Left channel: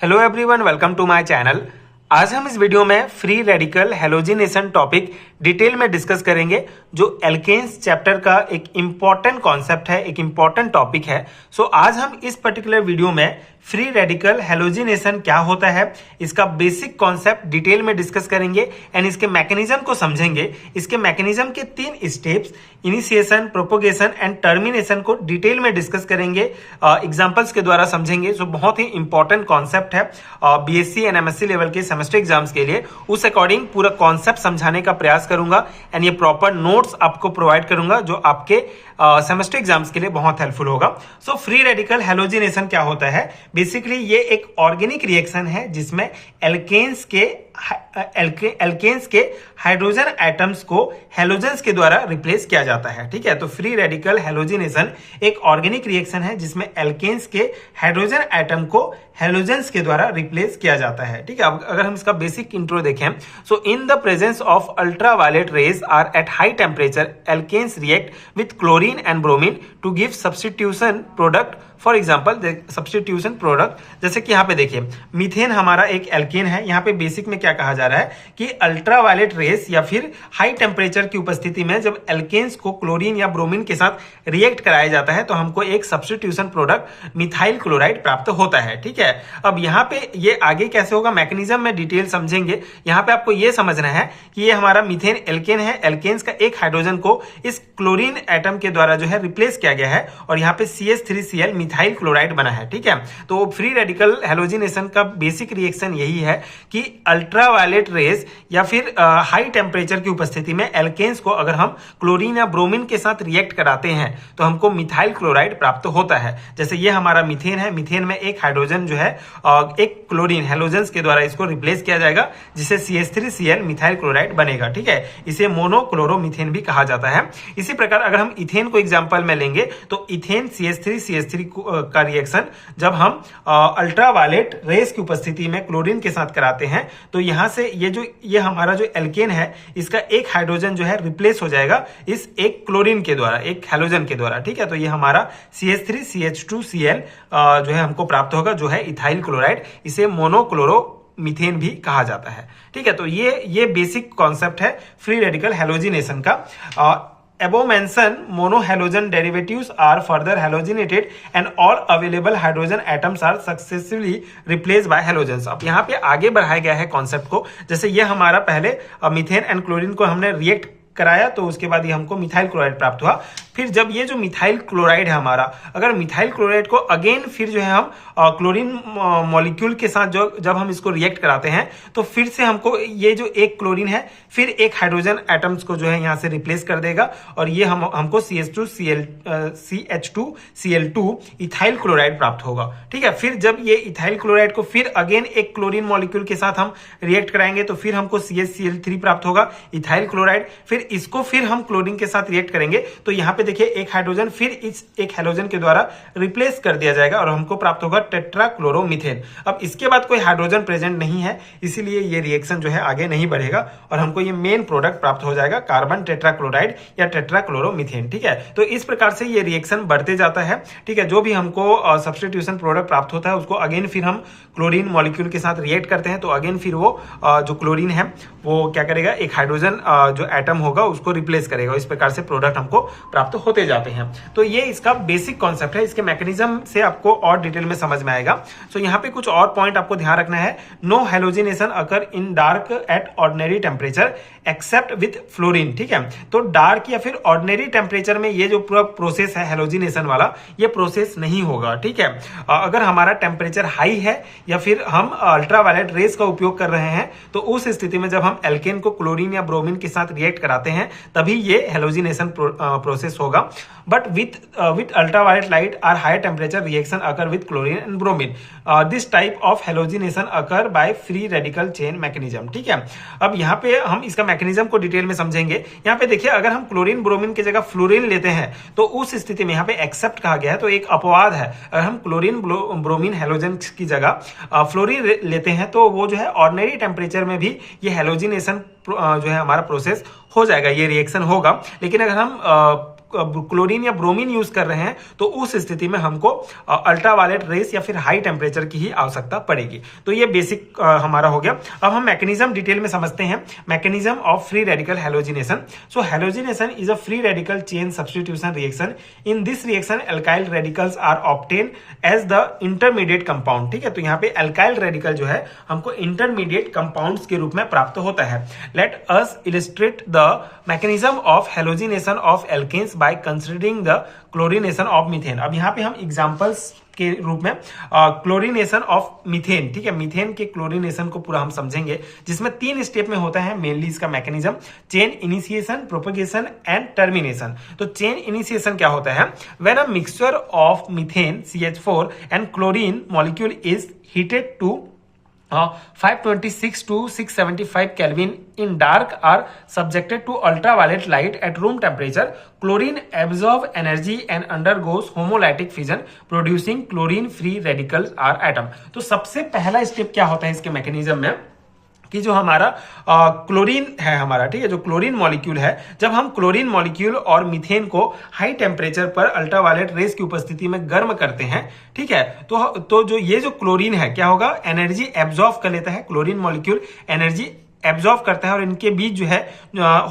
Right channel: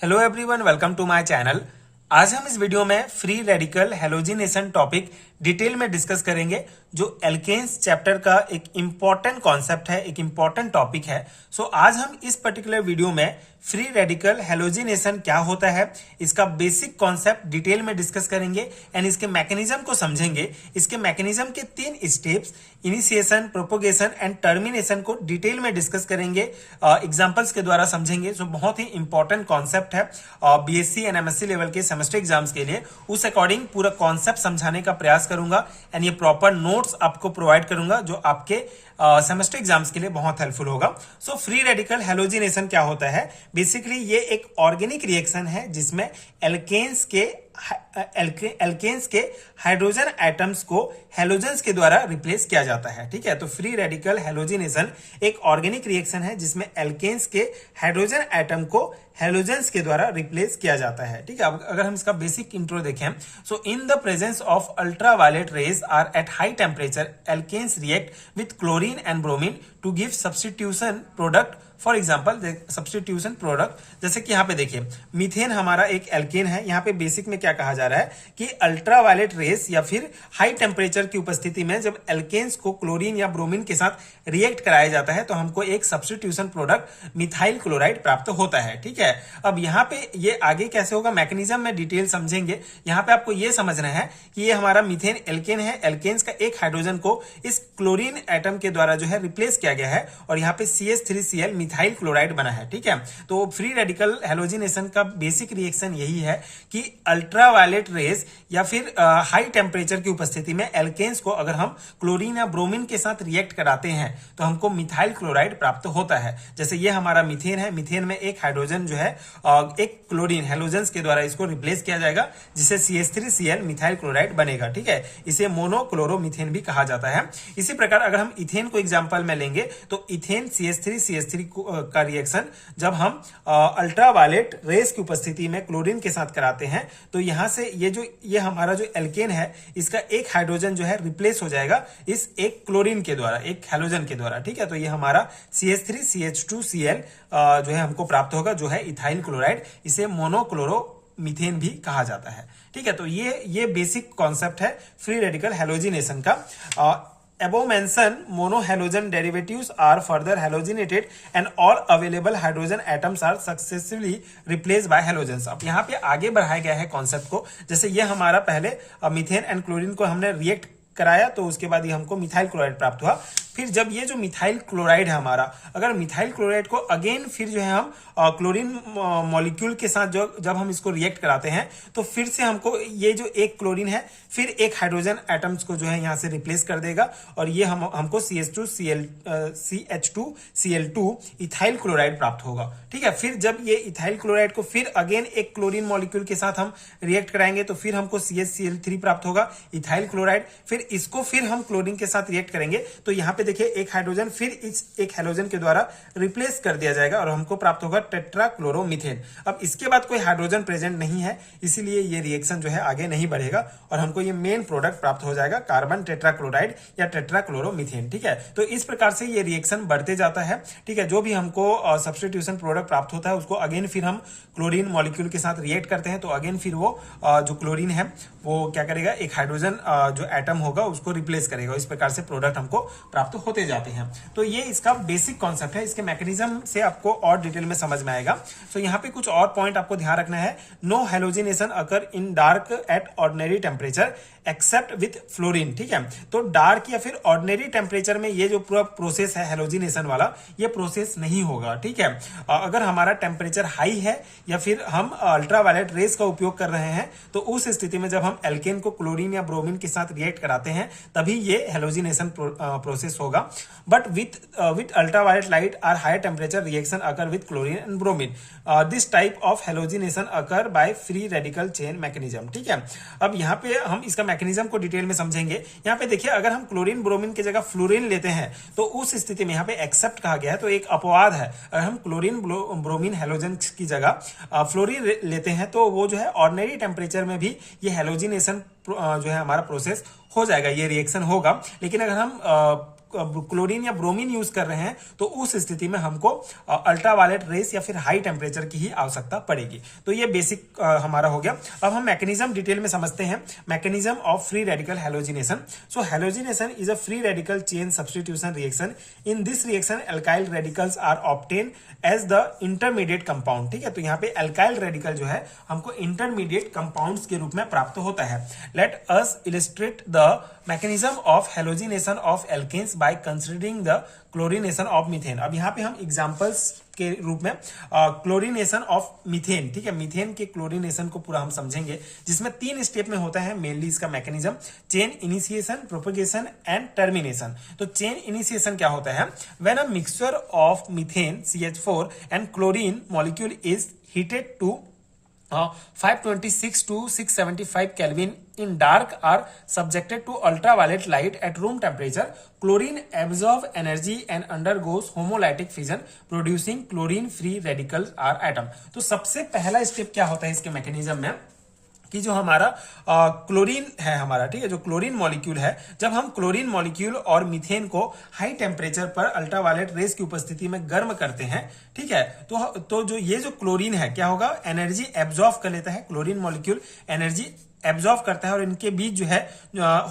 Hello everyone, welcome to my channel. आज हम इस वीडियो में free radical halogenation topic detail में डिस्कस करेंगे, जो एल्केन्स चैप्टर का एक इंपॉर्टेंट कॉन्सेप्ट है, एक इंपॉर्टेंट टॉपिक है। सो आज हम इस पर्टिकुलर वीडियो में फ्री रेडिकल हैलोजिनेशन क्या होता है, इसका बेसिक कॉन्सेप्ट डिटेल में डिस्कस करेंगे एंड इसके मैकेनिज्म को समझेंगे। इसके मैकेनिज्म के 3 steps, initiation, propagation and termination, को डिटेल में डिस्कस करेंगे, एग्जांपल्स के द्वारा समझेंगे। सो बहुत ही इंपॉर्टेंट कॉन्सेप्ट है बीएससी एंड एमएससी लेवल के सेमेस्टर एग्जाम्स के लिए। उस अकॉर्डिंग पूरा कॉन्सेप्ट समझाने का प्रयास करूंगा एंड ये प्रॉपर नोट्स आपको प्रोवाइड करूंगा, जो आपके सेमेस्टर एग्जाम्स के लिए बहुत हेल्पफुल होगा। सो फ्री रेडिकल हैलोजिनेशन क्या होता है? बेसिकली ये एक ऑर्गेनिक रिएक्शन है जिसमें एल्केन्स के हाइड्रोजन एटम्स को हैलोजेंस के द्वारा रिप्लेस किया जाता है। ठीक है, तो फ्री रेडिकल हैलोजिनेशन एक ऑर्गेनिक रिएक्शन है जिसमें एल्केन्स के हाइड्रोजन एटम को हैलोजेंस के द्वारा रिप्लेस किया जाता है। ठीक है, अब अगर हम इसका बेसिक इंट्रो देखें, so in the presence of ultraviolet rays or at high temperature, alkanes react with chlorine and bromine to give substitution product. For example substitution product, जैसे कि यहाँ पे देखिए मीथेन हमारा एक एल्केन है। यहाँ पे बेसिक में क्या कहा जा रहा है कि अल्ट्रावायलेट रेस या फिर हाई टेम्परेचर की उपस्थिति में जब एल्केन्स को क्लोरीन या ब्रोमीन के साथ रिएक्ट कराया जाता है तो हमको एक सब्स्टिट्यूशन प्रोडक्ट मिथाइल क्लोराइड प्राप्त होता है। ठीक है, अब यहाँ पे ये आगे कैसे होगा, मैकेनिज्म में डिटेल समझेंगे। यहाँ पे आपको ये समझना है कि ये हमारा मीथेन एल्केन है, एल्केन्स का एक हाइड्रोजन को इस क्लोरीन एटम के द्वारा जो है रिप्लेस किया गया है और यहाँ पे CH3Cl मिथाइल क्लोराइड बना है। ठीक है, तो फ्री रेडिकल हैलोजिनेशन का बेसिक रिएक्शन यही है कि अल्ट्रावायलेट रेज या फिर हाई टेम्परेचर की उपस्थिति में एल्केन्स को अगर हम क्लोरीन या ब्रोमीन के साथ रिएक्ट कराते हैं तो हमको मिथाइल क्लोराइड प्राप्त होता है। जैसे ये हमारा मीथेन है, मीथेन में एक हाइड्रोजन जो है एक क्लोरीन हैलोजेंस के द्वारा इसको रिप्लेस किया जाएगा, जिससे CH3Cl मिथाइल क्लोराइड बनेगा। ठीक है, इसे मोनोक्लोरोमीथेन भी कहा जाता है। इसी प्रकार अगर हम इथेन को एग्जांपल में लेंगे तो इथेन CH3 का रिएक्शन जब हम अल्ट्रावायलेट रेस की उपस्थिति में क्लोरीन के साथ कराते हैं तो यहां से ये हमारा जो एल्केन है, इसका एक हाइड्रोजन जो है रिप्लेस हो जाएगा इस एक क्लोरीन के द्वारा, एक हैलोजन के द्वारा। ठीक है, तो ये हमारा CH3CH2Cl जो है हमको प्राप्त होगा, जो है इथाइल क्लोराइड। इसे मोनोक्लोरोमीथेन भी कहा जाता है। ठीक है, तो ये बेसिक कॉन्सेप्ट है फ्री रेडिकल हैलोजिनेशन का। Above mentioned monohalogen derivatives are further halogenated and all available hydrogen atoms are successively replaced by halogens। अब यहाँ पे आगे बढ़ाया गया है कॉन्सेप्ट को। जैसे ये हमारा पहले मीथेन एंड क्लोरीन को हमने रिएक्ट कराया तो उसके बाद ये हमको मिथाइल क्लोराइड प्राप्त हुआ। फिर जब ये जो मिथाइल क्लोराइड है हमारा, अगर मिथाइल क्लोराइड को अगेन फिर जो है हम क्लोरीन मॉलिक्यूल के साथ जब हम इसको रिएक्ट कराते हैं तो फिर से हमको ये जो एक क्लोरीन है फिर एक हाइड्रोजन एटम्स को जो है यहाँ से रिप्लेस कर देगा और ये हमको CH2Cl2 इथाइल क्लोराइड प्राप्त होगा। ठीक है, फिर जब ये इथाइल क्लोराइड को फिर अगेन एक क्लोरीन मॉलिक्यूल के साथ हम रिएक्ट कराएंगे तो फिर हमको CHCl3 प्राप्त होगा, इथाइल क्लोराइड। फिर इसको फिर हम क्लोरीन के साथ रिएक्ट करेंगे तो यहाँ पे देखिए एक हाइड्रोजन फिर इस एक हैलोजन के द्वारा रिप्लेस कर दिया जाएगा और हमको प्राप्त होगा टेट्राक्लोरोमीथेन। अब इसके बाद कोई हाइड्रोजन प्रेजेंट नहीं है, इसीलिए ये रिएक्शन जो है आगे नहीं बढ़ेगा और हमको ये मेन प्रोडक्ट प्राप्त हो जाएगा, कार्बन टेट्राक्लोराइड या टेट्राक्लोरोमीथेन। ठीक है, तो इस प्रकार से ये रिएक्शन बढ़ते जाता है। ठीक है, जो भी हमको सब्स्टिट्यूशन प्रोडक्ट प्राप्त होता है उसको अगेन फिर हम क्लोरीन मॉलिक्यूल के साथ रिएक्ट करते हैं तो अगेन फिर वो जो क्लोरीन है वो क्या करेगा, एक हाइड्रोजन जो एटम होगा उसको रिप्लेस करेगा। इस प्रकार से प्रोडक्ट हमको प्राप्त होते जाते हैं। तो ये इसका बेसिक कॉन्सेप्ट है। इसके मैकेनिज्म से आपको और डिटेल में समझ में आएगा। सो यहाँ पे कुछ और पॉइंट आपको ध्यान रखना है। No halogenation occur in dark at ordinary temperature except with fluorine. ठीक है, तो डार्क या फिर ऑर्डिनरी टेम्परेचर में ये जो पूरा प्रोसेस है हैलोजिनेशन वाला, ये प्रोसेस नहीं होगा। ठीक है, अगर हमारा टेम्परेचर हाई है या फिर हम अल्ट्रावायलेट रेस का उपयोग कर रहे हैं तो उस स्थिति में जब हम एल्केन को क्लोरीन या ब्रोमीन के साथ रिएक्ट कराते हैं तभी ये हैलोजिनेशन प्रोसेस होगा। But with ultraviolet light or high temperature reaction occur with chlorine and bromine. This type of halogenation occur by free radical chain mechanism. ठीक है, अब यहाँ पे हम इसका मैकेनिज्म को डिटेल में समझेंगे। यहाँ पे देखिए अगर हम क्लोरीन ब्रोमीन की जगह फ्लोरीन लेते हैं तो उस स्थिति में यहाँ पे एक्सेप्ट कहा गया है, तो एक अपवाद है। अगर हम क्लोरीन ब्रोमीन हैलोजन की जगह फ्लोरीन लेते हैं तो वो जो है ऑर्डिनरी टेम्परेचर में भी ये हैलोजिनेशन जो है हमारा प्रोसेस हो जाएगा, ये रिएक्शन होगा। लेकिन अगर हम क्लोरीन या ब्रोमीन यूज कर रहे हैं तो उस स्थिति में हमको अल्ट्रावायलेट रेस या फिर हाई टेम्परेचर की ही आवश्यकता पड़ेगी। तो ये बेसिक हमारा हो गया। अब हम मैकेनिज्म डिटेल में समझते हैं। Mechanism of free radical halogenation. So halogenation is a free radical chain substitution reaction. In this reaction alkyl radicals are obtain as the intermediate compound. ठीक है, तो यहाँ पे एल्काइल रेडिकल जो है हमको इंटरमीडिएट कंपाउंड्स के रूप में प्राप्त होता है। Let us illustrate the mechanism of halogenation of alkanes by considering the chlorination of methane. अब यहाँ पे हम एग्जांपल्स के रूप में क्लोरीनेशन ऑफ मीथेन, ठीक है, मीथेन के क्लोरीनेशन को पूरा हम समझेंगे, जिसमें 3 स्टेप में होता है मेनली इसका mechanism. Chain initiation, propagation and termination. तो चेन इनिशिएशन क्या होता है? When a mixture of methane CH4 and chlorine molecule is heated to 526 to 675 Kelvin in dark are subjected to ultraviolet light at room temperature. Chlorine absorbs energy and undergoes homolytic fission, producing chlorine free radicals or atom. तो सबसे पहला step क्या होता है इसके mechanism में कि जो हमारा क्लोरीन है हमारा, ठीक है, जो क्लोरीन मॉलिक्यूल है, जब हम क्लोरीन मॉलिक्यूल और मीथेन को हाई टेम्परेचर पर अल्ट्रावायलेट रेस की उपस्थिति में गर्म करते हैं, ठीक है, तो जो ये जो क्लोरीन है क्या होगा? एनर्जी एब्जॉर्व कर लेता है। क्लोरीन मॉलिक्यूल एनर्जी एब्जॉर्व करता है और इनके बीच जो है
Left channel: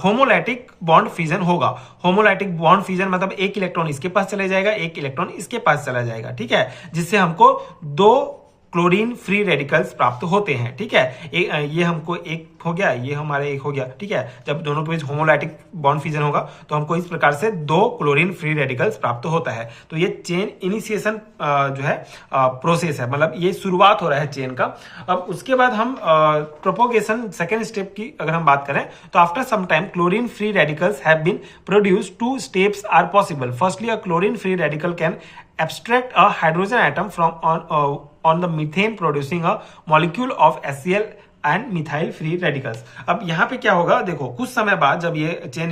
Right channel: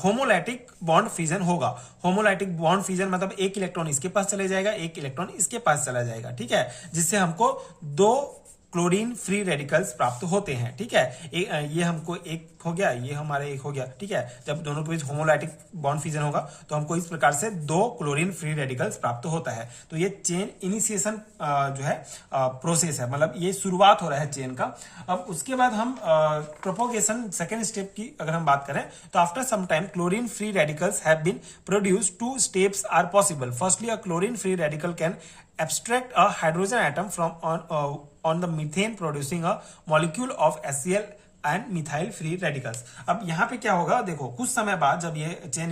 होमोलाइटिक बॉन्ड फ्यूजन होगा। होमोलाइटिक बॉन्ड फ्यूजन मतलब एक इलेक्ट्रॉन इसके पास चले जाएगा, एक इलेक्ट्रॉन इसके पास चला जाएगा, ठीक है, जिससे हमको 2 क्लोरीन फ्री रेडिकल्स प्राप्त होते हैं। ठीक है, ये हमको एक हो गया, ये हमारे एक हो गया, ठीक है। जब दोनों के बीच होमोलाइटिक बॉन्ड फ्यूजन होगा तो हमको इस प्रकार से 2 क्लोरीन फ्री रेडिकल्स प्राप्त होता है। तो ये चेन इनिशिएशन जो है प्रोसेस है, मतलब ये शुरुआत हो रहा है चेन का। अब उसके बाद हम प्रोपोगेशन सेकेंड स्टेप की अगर हम बात करें तो after some time chlorine free radicals have been produced. 2 steps are possible. Firstly a chlorine free radical can abstract a hydrogen atom from on the methane producing a molecule of HCl and methyl free radicals. अब यहाँ पे क्या होगा, देखो कुछ समय बाद जब ये चेन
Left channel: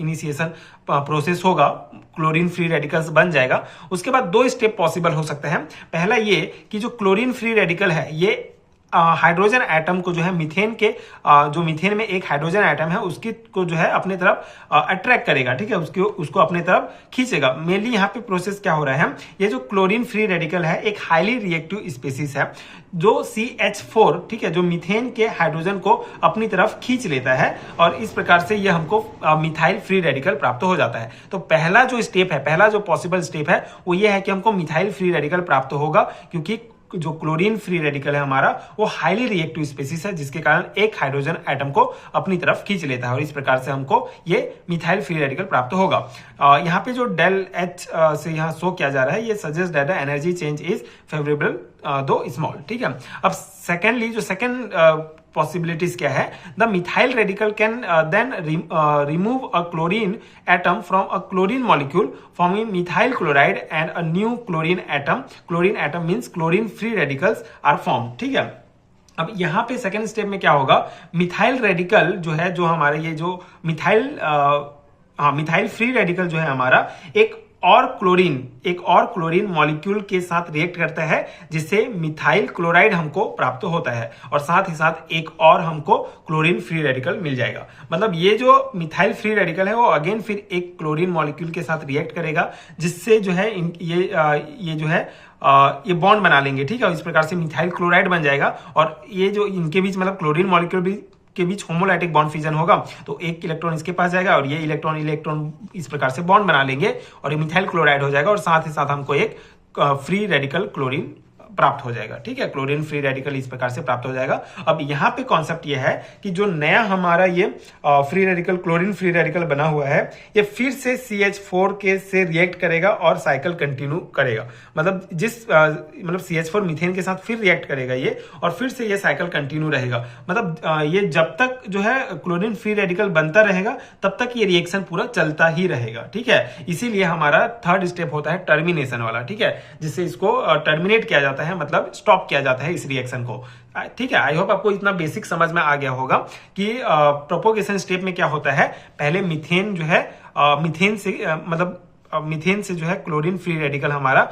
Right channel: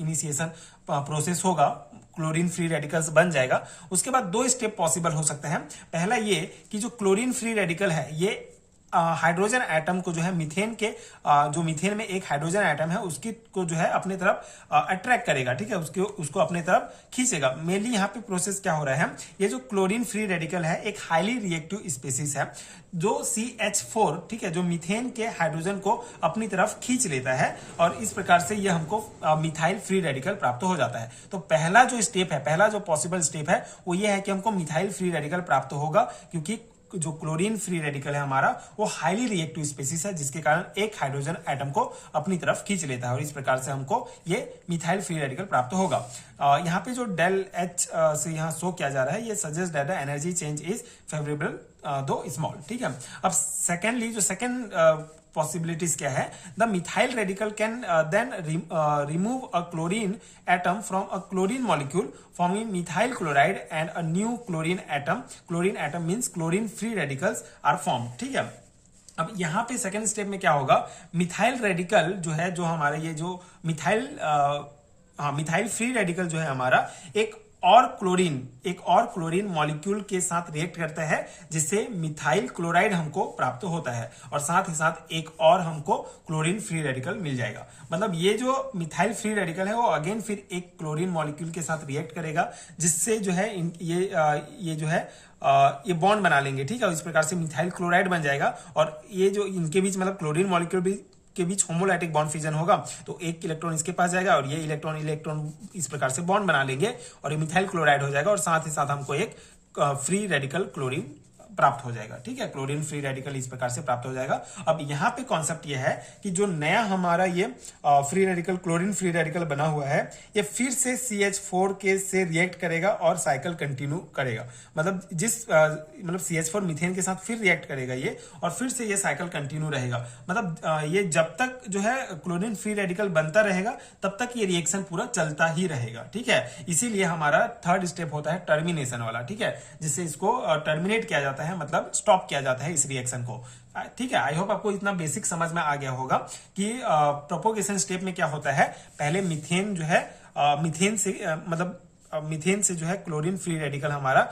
इनिशिएशन प्रोसेस होगा, क्लोरीन फ्री रेडिकल्स बन जाएगा, उसके बाद 2 स्टेप पॉसिबल हो सकते हैं। पहला ये कि जो क्लोरीन फ्री रेडिकल है ये हाइड्रोजन एटम को जो है मीथेन के जो मीथेन में एक हाइड्रोजन एटम है उसकी को जो है अपने तरफ अट्रैक्ट करेगा, ठीक है, उसको अपने तरफ खींचेगा। मेनली यहाँ पे प्रोसेस क्या हो रहा है, ये जो क्लोरीन फ्री रेडिकल है एक हाईली रिएक्टिव स्पीसीज है जो CH4, ठीक है, जो मीथेन के हाइड्रोजन को अपनी तरफ खींच लेता है और इस प्रकार से ये हमको मिथाइल फ्री रेडिकल प्राप्त हो जाता है। तो पहला जो स्टेप है, पहला जो पॉसिबल स्टेप है वो ये है कि हमको मिथाइल फ्री रेडिकल प्राप्त होगा, क्योंकि जो क्लोरीन फ्री रेडिकल है हमारा वो हाईली रिएक्टिव स्पीसीज है, जिसके कारण एक हाइड्रोजन एटम को अपनी तरफ खींच लेता है और इस प्रकार से हमको ये मिथाइल फ्री रेडिकल प्राप्त होगा। यहाँ पे जो डेल H से यहाँ शो किया जा रहा है, ये suggest that the energy change is favourable though small, ठीक है। अब सेकेंडली जो सेकेंड पॉसिबिलिटीज क्या है, the methyl radical can then remove a chlorine atom from a chlorine molecule forming methyl chloride and a new chlorine atom. Chlorine atom means chlorine free radicals are form, ठीक है। अब यहाँ पे second step में क्या होगा, methyl radical जो है, जो हमारे ये जो मिथाइल फ्री रेडिकल जो है हमारा एक और क्लोरीन मॉलिक्यूल के साथ रिएक्ट करता है, जिससे मिथाइल क्लोराइड हमको प्राप्त होता है और साथ ही साथ एक और हमको क्लोरीन फ्री रेडिकल मिल जाएगा। मतलब ये जो मिथाइल फ्री रेडिकल है वो अगेन फिर एक क्लोरीन मॉलिक्यूल के साथ रिएक्ट करेगा, जिससे जो है ये जो है ये बॉन्ड बना लेंगे, ठीक है। इस प्रकार से मिथाइल क्लोराइड बन जाएगा और ये जो इनके बीच मतलब क्लोरीन मॉलिक्यूल भी के बीच होमोलाइटिक बॉन्ड फ्यूजन होगा, तो एक इलेक्ट्रॉन इसके पास जाएगा और ये इलेक्ट्रॉन इस प्रकार से बॉन्ड बना लेंगे और ये मिथाइल क्लोराइड हो जाएगा और साथ ही साथ हमको एक फ्री रेडिकल क्लोरीन प्राप्त हो जाएगा, ठीक है। क्लोरीन फ्री रेडिकल इस प्रकार से प्राप्त हो जाएगा। अब यहाँ पे कॉन्सेप्ट ये है कि जो नया हमारा ये free radical chlorine free radical बना हुआ है ये फिर से CH4 के से रिएक्ट करेगा और साइकिल कंटिन्यू करेगा। मतलब मतलब CH4 मीथेन के साथ फिर रिएक्ट करेगा ये और फिर से ये साइकिल कंटिन्यू रहेगा। मतलब ये जब तक जो है क्लोरीन फ्री रेडिकल बनता रहेगा तब तक ये रिएक्शन पूरा चलता ही रहेगा, ठीक है। इसीलिए हमारा थर्ड स्टेप होता है टर्मिनेशन वाला, ठीक है, जिससे इसको टर्मिनेट किया जाता है, मतलब स्टॉप किया जाता है इस रिएक्शन को, ठीक है। आई होप आपको इतना बेसिक समझ में आ गया होगा कि प्रोपोगेशन स्टेप में क्या होता है। पहले मीथेन जो है मीथेन से जो है क्लोरीन फ्री रेडिकल हमारा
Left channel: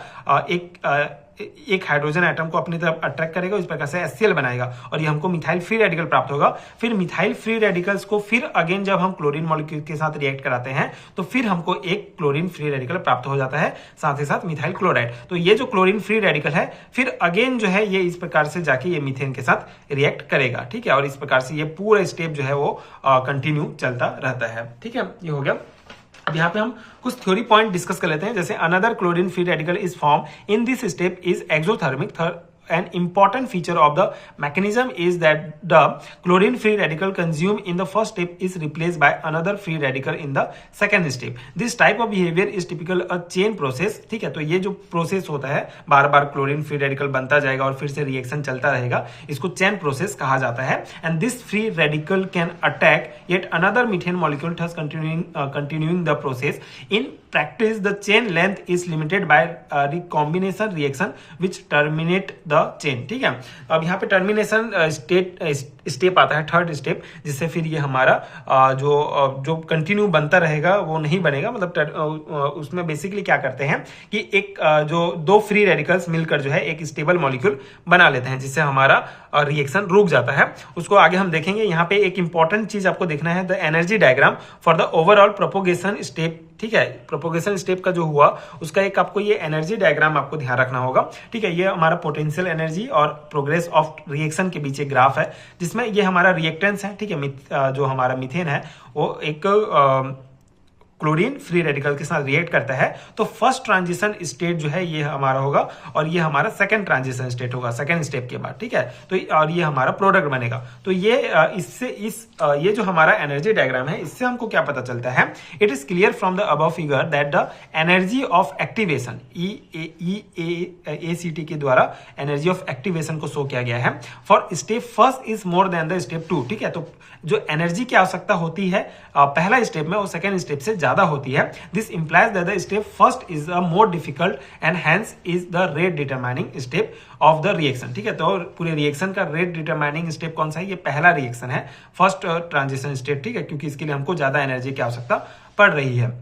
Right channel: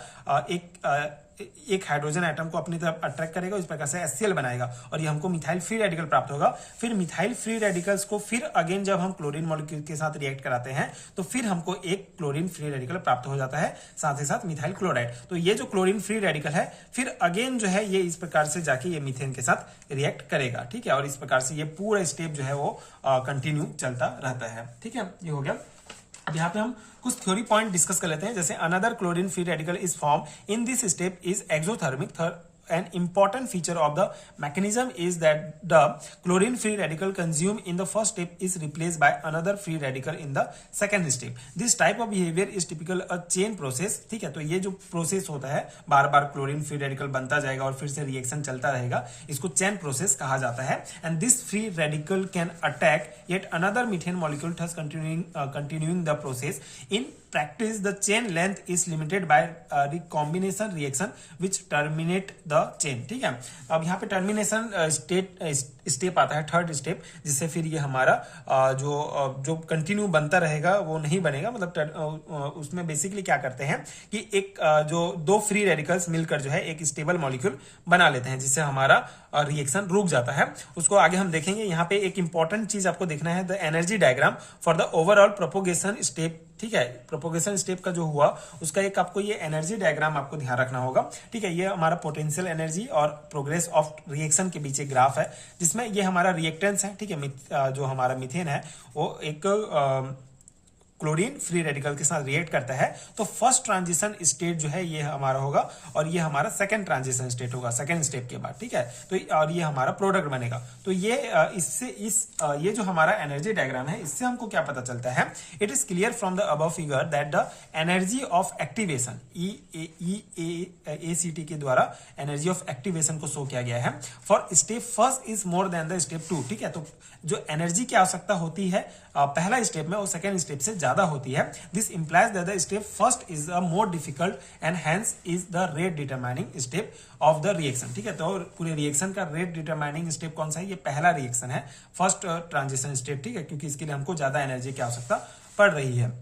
एक हाइड्रोजन एटम को अपनी तरफ अट्रैक्ट करेगा, इस प्रकार से HCl बनाएगा और ये हमको मिथाइल फ्री रेडिकल प्राप्त होगा। फिर मिथाइल फ्री रेडिकल्स को फिर अगेन जब हम क्लोरीन मॉलिक्यूल के साथ रिएक्ट कराते हैं तो फिर हमको एक क्लोरीन फ्री रेडिकल प्राप्त हो जाता है, साथ ही साथ मिथाइल क्लोराइड। तो ये जो क्लोरीन फ्री रेडिकल है फिर अगेन जो है ये इस प्रकार से जाके ये मीथेन के साथ रिएक्ट करेगा, ठीक है। और इस प्रकार से ये पूरा स्टेप जो है वो कंटिन्यू चलता रहता है, ठीक है। ये हो गया। अब यहाँ पे हम कुछ थ्योरी पॉइंट डिस्कस कर लेते हैं। जैसे another chlorine free radical is form in this step is exothermic. An important feature of the mechanism is that the chlorine free radical consumed in the first step is replaced by another free radical in the second step. This type of behavior is typical a chain process, ठीक है। तो ये जो process होता है, बार बार chlorine free radical बनता जाएगा और फिर से रिएक्शन चलता रहेगा, इसको चेन प्रोसेस कहा जाता है। And this free radical can attack yet another methane molecule, thus continuing the process. In practice, the chain length is limited by recombination reaction which terminate the chain, ठीक है। अब यहाँ पे टर्मिनेशन स्टेप आता है, थर्ड स्टेप, जिससे फिर ये हमारा जो कंटिन्यू बनता रहेगा वो नहीं बनेगा। मतलब उसमें बेसिकली क्या करते हैं कि एक जो दो फ्री रेडिकल्स मिलकर जो है एक स्टेबल मॉलिक्यूल बना लेते हैं, जिससे हमारा रिएक्शन रुक जाता है। उसको आगे हम देखेंगे। यहाँ पे एक इंपॉर्टेंट चीज आपको देखना है, the energy diagram for the overall propagation step, ठीक है। प्रोपोगेशन स्टेप का जो हुआ उसका एक आपको ये एनर्जी डायग्राम आपको ध्यान रखना होगा, ठीक है। ये हमारा पोटेंशियल एनर्जी और प्रोग्रेस ऑफ रिएक्शन के बीच एक ग्राफ है, जिसमें ये हमारा रिएक्टेंस है, ठीक है। जो हमारा मीथेन है वो एक क्लोरीन फ्री रेडिकल के साथ रिएक्ट करता है। तो फर्स्ट ट्रांजिशन स्टेट जो है ये हमारा होगा और ये हमारा सेकंड ट्रांजिशन स्टेट होगा सेकंड स्टेप के बाद, ठीक है। तो और ये हमारा प्रोडक्ट बनेगा। तो ये इससे ये जो हमारा एनर्जी डायग्राम है इससे हमको क्या पता चलता है, it is clear from the above figure that the energy of activation EACT के द्वारा एनर्जी ऑफ एक्टिवेशन को शो किया गया है for step first is more than the step 2, ठीक है। तो जो एनर्जी की आवश्यकता होती है पहला स्टेप में वो सेकंड स्टेप से ज्यादा होती है। This implies that the step first is a more difficult and hence is the rate determining step of the reaction, ठीक है। तो पूरे रिएक्शन का रेट डिटरमाइनिंग स्टेप कौन सा है, ये पहला रिएक्शन है, फर्स्ट ट्रांजिशन स्टेप, ठीक है, क्योंकि इसके लिए हमको ज्यादा एनर्जी की आवश्यकता पड़ रही है।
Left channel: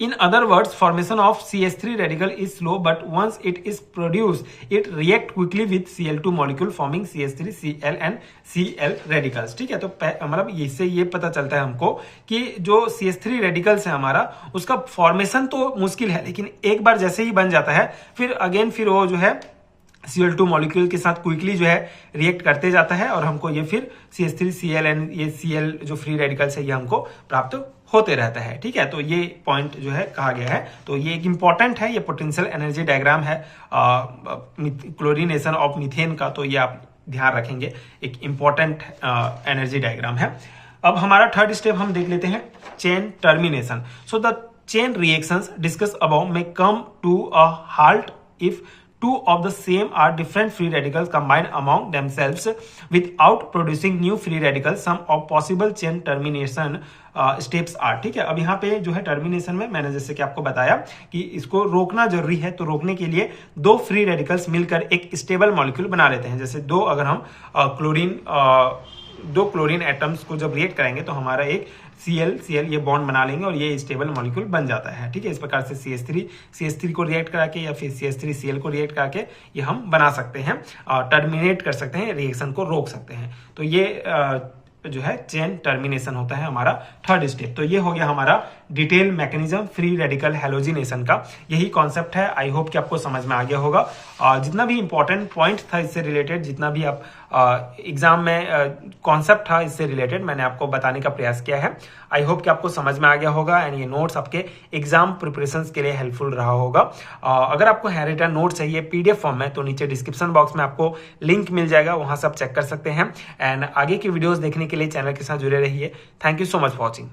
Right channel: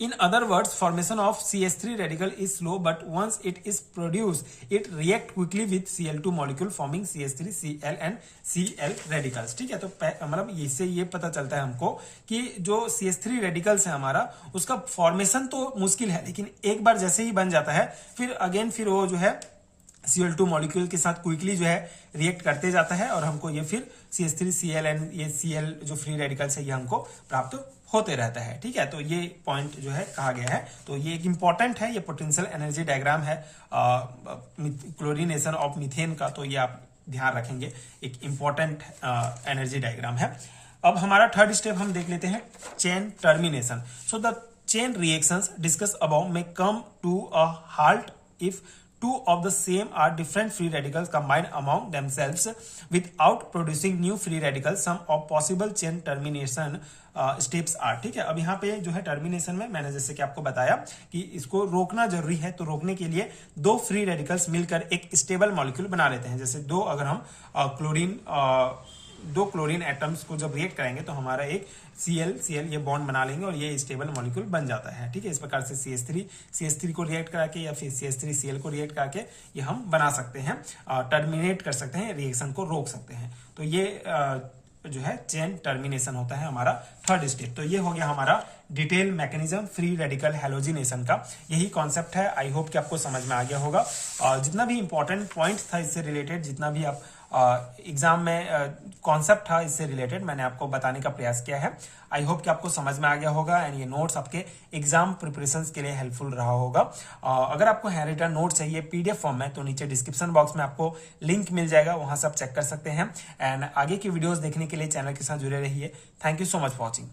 In other words, formation of CH3 radical is slow, but once it is produced, it react quickly with Cl2 molecule forming CH3, Cl and Cl radicals, ठीक है। तो मतलब इससे ये पता चलता है हमको कि जो CH3 रेडिकल्स है हमारा, उसका फॉर्मेशन तो मुश्किल है, लेकिन एक बार जैसे ही बन जाता है फिर अगेन फिर वो जो है Cl2 मॉलिक्यूल के साथ क्विकली जो है रिएक्ट करते जाता है और हमको ये फिर CH3, Cl and ये Cl जो फ्री रेडिकल्स है ये हमको प्राप्त होते रहता है, ठीक है। तो ये पॉइंट जो है कहा गया है। तो ये एक इंपॉर्टेंट है, ये पोटेंशियल एनर्जी डायग्राम है क्लोरीनेशन ऑफ मीथेन का, तो ये आप ध्यान रखेंगे, एक इंपॉर्टेंट एनर्जी डायग्राम है। अब हमारा थर्ड स्टेप हम देख लेते हैं, chain termination. So the chain reactions discuss above में come to a halt if two of the same are different free radicals combined among themselves without producing new free radicals. Some of possible chain termination steps are, ठीक है। अब यहाँ पे जो है termination में मैंने जैसे कि आपको बताया कि इसको रोकना जरूरी है, तो रोकने के लिए दो फ्री रेडिकल्स मिलकर एक स्टेबल मॉलिक्यूल बना लेते हैं। जैसे अगर हम दो क्लोरीन एटम्स को जब रिएक्ट करेंगे तो हमारा एक Cl ये बॉन्ड बना लेंगे और ये स्टेबल मॉलिक्यूल बन जाता है, ठीक है। इस प्रकार से CH3 को रिएक्ट करा के या फिर CH3Cl को रिएक्ट करा के ये हम बना सकते हैं, टर्मिनेट कर सकते हैं, रिएक्शन को रोक सकते हैं। तो ये जो है चेन टर्मिनेशन होता है हमारा थर्ड स्टेप। तो ये हो गया हमारा detail mechanism free radical halogenation का, यही कॉन्सेप्ट है। आई होप कि आपको समझ में आ गया होगा। जितना भी इंपॉर्टेंट पॉइंट था इससे रिलेटेड, जितना भी आप एग्जाम में कॉन्सेप्ट था इससे रिलेटेड, मैंने आपको बताने का प्रयास किया है। आई होप कि आपको समझ में आ गया होगा एंड ये नोट्स आपके एग्जाम प्रिपरेशंस के लिए हेल्पफुल रहा होगा। अगर आपको हैंड रिटन नोट चाहिए PDF फॉर्म में तो नीचे डिस्क्रिप्शन बॉक्स में आपको लिंक मिल जाएगा, वहां से आप चेक कर सकते हैं। एंड आगे की वीडियोस देखने के लिए चैनल के साथ जुड़े रहिए। Thank you so much for watching.